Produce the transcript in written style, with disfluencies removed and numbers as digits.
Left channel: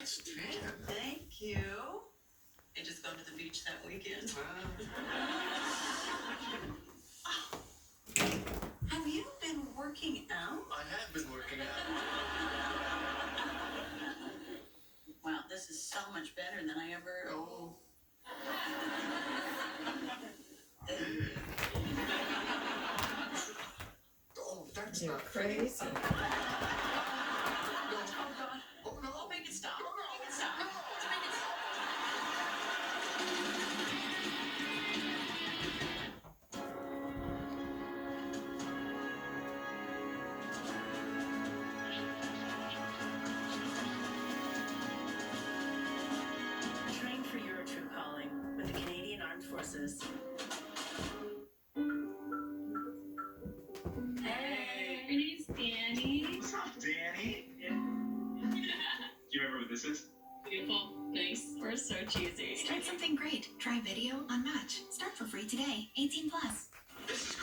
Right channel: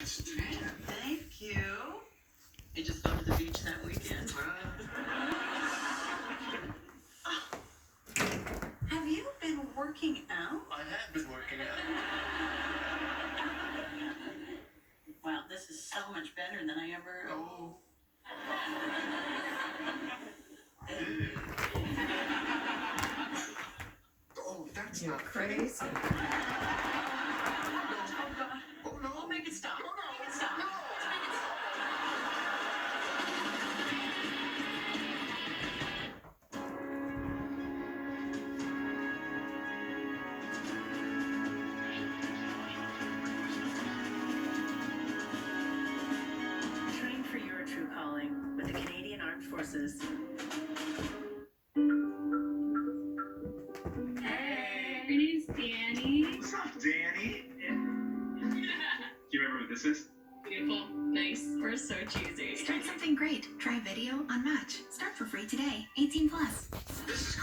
Thank you. I just went to the beach that weekend. Have you been working out? I have been working out. Wow, this is so much better than I ever. Oh. Oh, that's You're not crazy. Oh, God. Oh, no. Oh, make it stop. No, no. Make it stop. No. Let's make it stop. Train for your true calling with the Canadian Armed Forces. Hey, your name's Danny. What's up, Danny? Do you remember who this is? Beautiful, nice. We're so cheesy. Start something great. Try video on Match. Start for free today. 18 plus. This is